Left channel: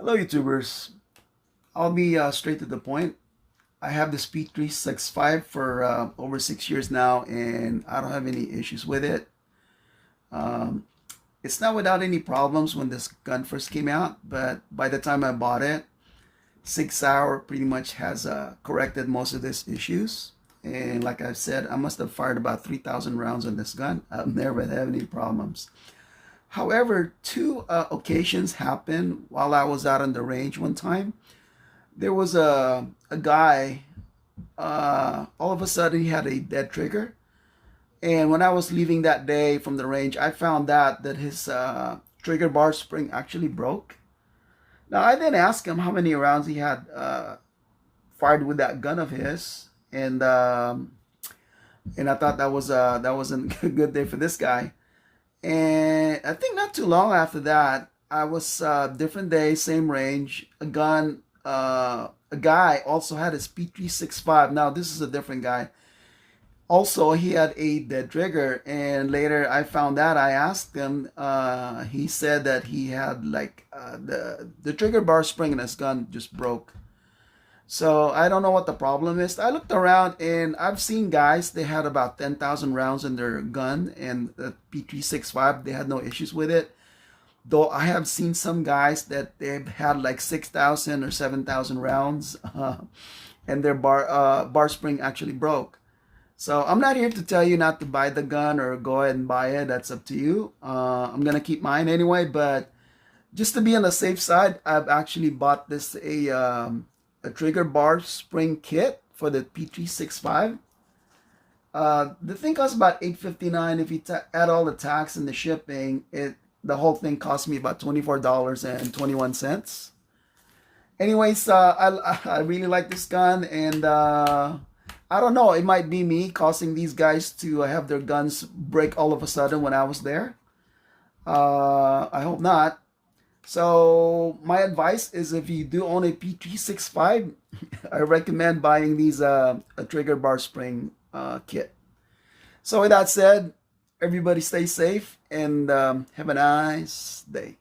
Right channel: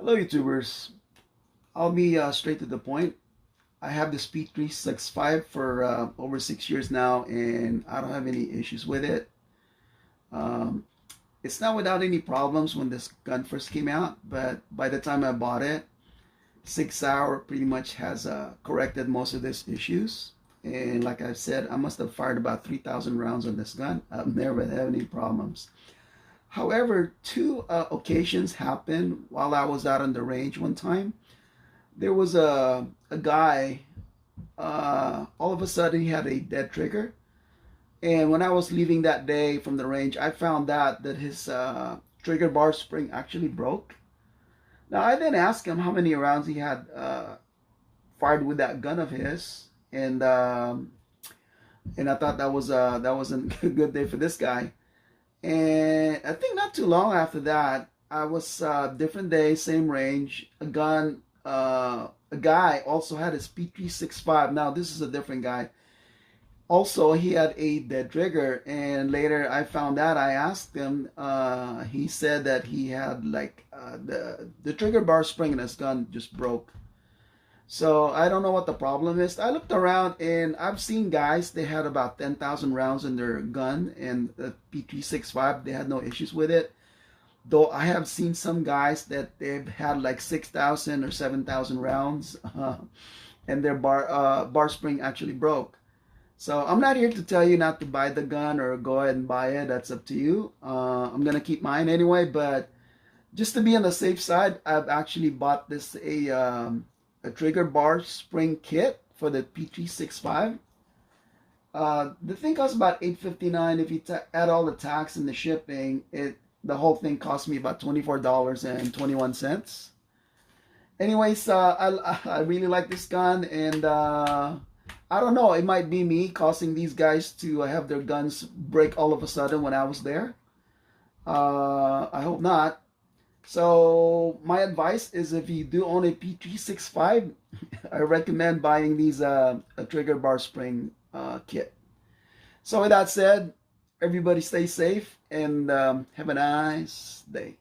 Hello, YouTubers. I'll be straight to the point. I have this P365 for over 6 years now, and I don't have any issues with it. Um, it's not without any problems when this gun first came out, but by the time I bought it, Sig pretty much has corrected most of these issues. And like I've said, I must have fired about 3,000 rounds on this gun. I've never had any problems. However, two occasions happened while I was out on the range one time. There was a guy, all of a sudden he had a dead trigger. And when I was leaving that day from the range, I found out that his trigger bar spring actually broke. Now, I then asked him how many rounds he had fired with that gun of his. And I thought that wasn't a good day for this guy. And I think not too long after that, I was different day, same range. A guy also had his P365. Now this is a different guy. Also, he had a dead trigger, and later I found out. I asked him. He said that he had like the trigger bar spring in his gun just broke. So I don't know what the problem is. I looked around and I've seen guys, they had about 10,000 rounds in their gun, and the P365, they had no issues with it. Though I have seen some guys that they've had like 6,000 or 7,000 rounds and their bar spring actually broke. So I'm not here to tell you not to buy the gun or go ahead and buy it. That's up to you. I'm going to keep mine anyway, but just to be on the safe side, I've actually bought this a trigger bar spring kit for the P365. The thing costs about $8.59. If you add all the tax and the shipping, the whole thing cost me about $24.21. Anyways, I really like this gun, and I don't know, it might be me causing these guys to have their guns break all of a sudden when I was there. I hope not. So my advice is, if you do own a P365, I recommend buying these a trigger bar spring kit. So with that said, everybody stay safe and have a nice day.